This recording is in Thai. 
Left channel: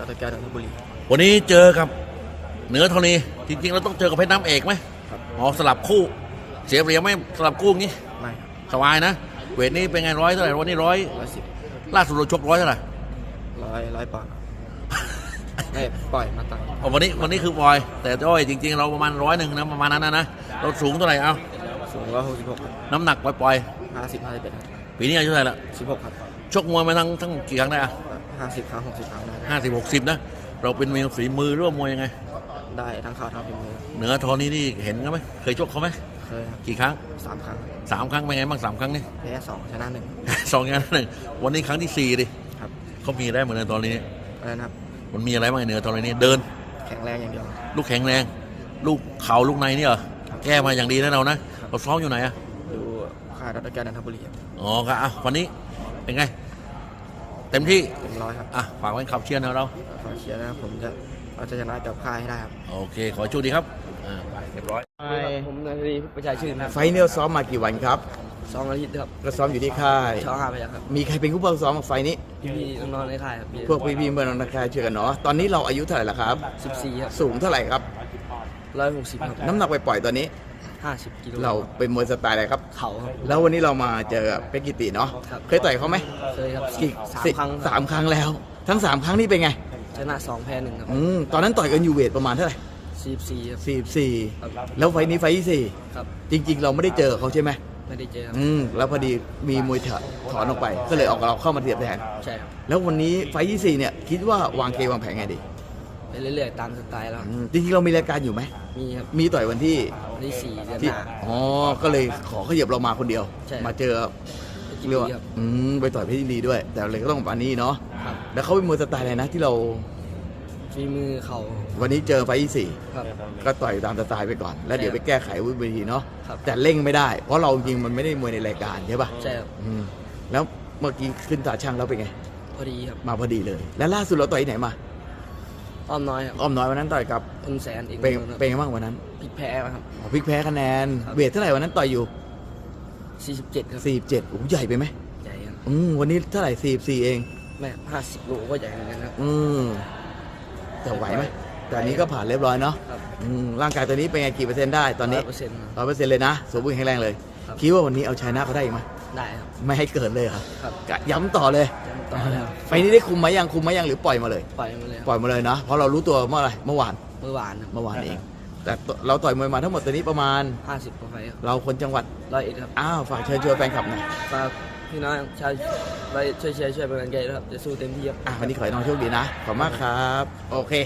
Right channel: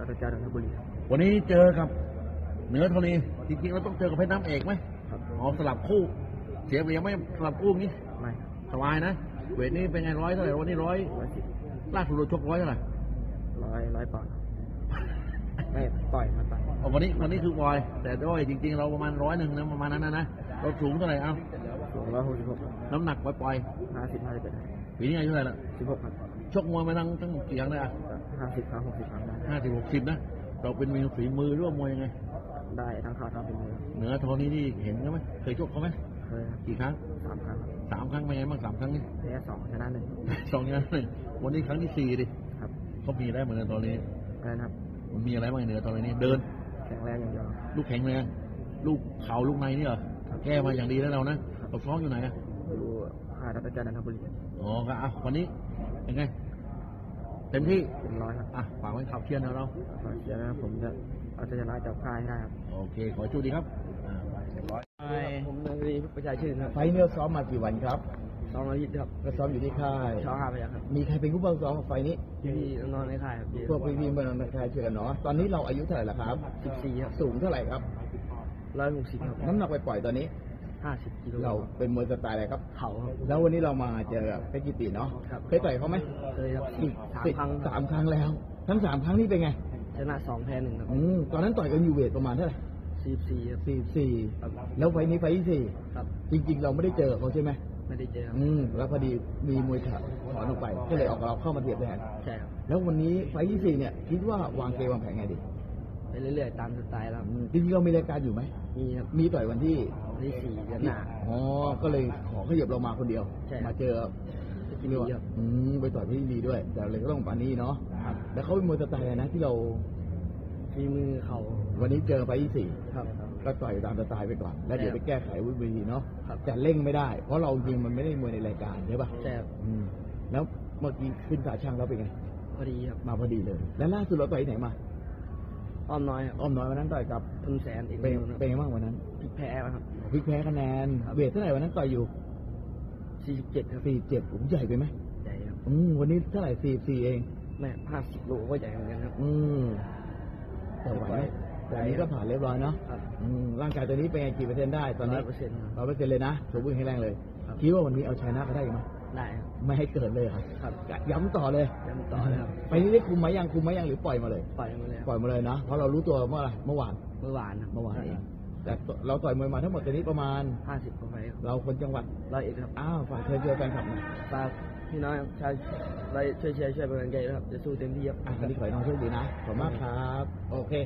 รัตแก้วนนทบุรี วันนี้เจอกับเหนือธรณีจริงๆเราต้องเจอกับเพชรน้ำเอกไหมครับ อ๋อสลับคู่ เสียเปรียบไหมสลับคู่งี้ไม่สบายนะ เวทนี้เป็นไงร้อยเท่าไหร่วันนี้ร้อยร้อยสิบล่าสุดเราชกร้อยเท่าไหร่ร้อยร้อยปอนด์เอ้ยปล่อยมาตั้งอ๋อวันนี้วันนี้คือบอย แต่จ้อยจริง ๆ เราประมาณร้อยหนึ่งนะประมาณนั้นนะนะเราสูงเท่าไหร่เอาสูงร้อยหกสิบหกน้ำหนักปล่อยห้าสิบห้าสิบเอ็ดๆปีนี้อายุเท่าไหร่ละสิบหกครับ ชกมวยมาทั้งทั้งกี่ครั้งได้อะ ห้าสิบครั้งหกสิบครั้งได้ห้าสิบหกสิบนะ เราเป็นมวยฝีมือหร่วมมวยยังไง ได้ทั้งขาทั้งฝีมือเหนือธรณีนี่เห็นกันไหมเคยชกเขาไหมเคยครับกี่ครั้งสามครั้งสามครั้งเป็นไงบ้างสามครั้งนี่แพ้สองชนะหนึ่ง สองอย่างนั้นหนึ่งวันนี้ครั้งที่สี่ดิครับ เขามีได้เหมือนในตอนนี้อะไรนะครับ มันมีอะไรบ้างเหนือตอนนี้เดิน แข็งแรงอย่างเดียว ลูกแข็งแรง ลูกเข่าลูกในนี่เหรอแก้มาอย่างดีนะเรานะเราซ้อมอยู่ไหนอะดูค่ายรัตแก้วนนทบุรีครับอ๋อครับอะวันนี้เป็นไง เต็มที่เต็มร้อยครับอะฝากไว้ขับเชียร์นะเราขอเชียร์นะครับผมจะเอาจะชนะกับค่ายให้ได้ครับโอเค ขอโชคดีครับอ่าเรียบร้อยผมนาทีประชาชื่นครับไฟล์เนี่ยซ้อมมากี่วันครับสองอาทิตย์ครับก็ซ้อมอยู่ที่ค่ายช่องห้าพยัคฆ์ครับมีใครเป็นผู้เฝ้าซ้อมไฟล์นี้พี่ๆน้องๆในค่ายครับพวกพี่ๆเมื่อนนักค่ายเชื่อกันเนาะตอนนี้เราอายุเท่าไหร่ละครับสิบสี่ครับสูงเท่าไหร่ครับร้อยหกสิบครับน้ำหนักไปปล่อยๆตอนนี้ ห้าสิบกิโลเราเป็นมวยสไตล์อะไรครับ เขาครับ แล้ววันนี้เรามาเจอกับเป็กกิติเนาะครับ เคยต่อยเขาไหมเคยครับกี่สามสิครั้งสามครั้งแล้ว ทั้งสามครั้งนี่เป็นไงชนะสองแพ้หนึ่งครับอืมตอนนั้นต่อยกันอยู่เวทประมาณเท่าไหร่สี่สี่ครับสี่สี่ครับแล้วไฟล์นี้ไฟล์ที่สี่ครับจริง ๆ เราไม่ได้เจอกับเขาใช่ไหมไม่ได้เจอครับอืมแล้วพอดีมีมวยถอนถอนออกไป ก็เลยออกเราเข้ามาเทียบแทน ใช่ครับแล้ววันนี้ไฟล์ที่สี่เนี่ยคิดว่าวางเกมวางแผนไงดี ไปเรื่อยๆตามสไตล์แล้วอืมจริงๆเรามีรายการอยู่ไหม มีครับมีต่อยวันที่วันที่สี่เดือนหที่น้า อ๋อ ก็เลยขอขยับเรามาคนเดียว ใช่ มาเจอกินเรียกว่าดีครับอืมไปต่อยเพชรยินดีด้วย แต่เลยก็ต้องปานนี้เนาะ ครับแล้วเขาเป็นมวยสไตล์อะไรนะที่เราฝีมือเขาวันนี้เจอไฟล์ที่สี่ครับ ก็ต่อยตามสไตล์ไปก่อน แล้วเดี๋ยวไปแก้ไขวุ้นเวทีเนาะ ครับ แต่เร่งไม่ได้ เพราะเราจริงๆมันไม่ได้มวยในรายการใช่ป่ะใช่ครับอืมแล้วเมื่อกี้ขึ้นตาช่างแล้วเป็นไง พอดีครับมาพอดีเลย แล้วล่าสุดเราต่อยที่ไหนมา อ้อมน้อยครับอ้อมน้อยวันนั้นต่อยกับคุณแสนอีกเป็นคนครับเป็นไงบ้างวันนั้นพลิกแพ้ครับอ๋อพลิกแพ้คะแนนครับเวทเท่าไหร่วันนั้นต่อยอยู่สี่สิบเจ็ดครับ 47โอ้โหใหญ่ไปไหมใหญ่ครับอืมวันนี้เท่าไหร่44เองแม่ห้าสิบโลก็ใหญ่เหมือนกันครับอืมแต่ไหวไหมแต่อันนี้ก็ผ่านเรียบร้อยเนาะครับอืมร่างกายตัวนี้เป็นไงกี่เปอร์เซ็นต์ได้ตอนนี้เปอร์เซ็นต์ร้อยเปอร์เซ็นต์เลยนะ สมบูรณ์แข็งแรงเลยครับคิดว่าวันนี้เอาชยนะเขาได้อีกไหม ได้ครับ ไม่ให้เกิดเลยครับครับกะย้ำต่อเลยยังต่อแล้วไฟนี้ได้คุมไหมยังคุมไหมยังหรือปล่อยมาเลย ปล่อยมาเลยครับปล่อยมาเลยนะ เพราะเรารู้ตัวเมื่อไหรเมื่อวาน เมื่อวานครับเมื่อวานเอง แต่เราต่อยมวยมาทั้งหมดตัวนี้ประมาณ ห้าสิบกว่าไฟครับเราคนจังหวัด ร้อยเอ็ดครับอ้าว ฝากเชิญชวนแฟนคลับหน่อยฝากพี่น้องชาวร้อยเอ็ดช่วยเชียร์ช่วยเป็นกำลังใจด้วยครับ จะสู้เต็มที่ครับ อะวันนี้ขอให้น้องโชคดีนะ ขอบคุณมากครับ โอเค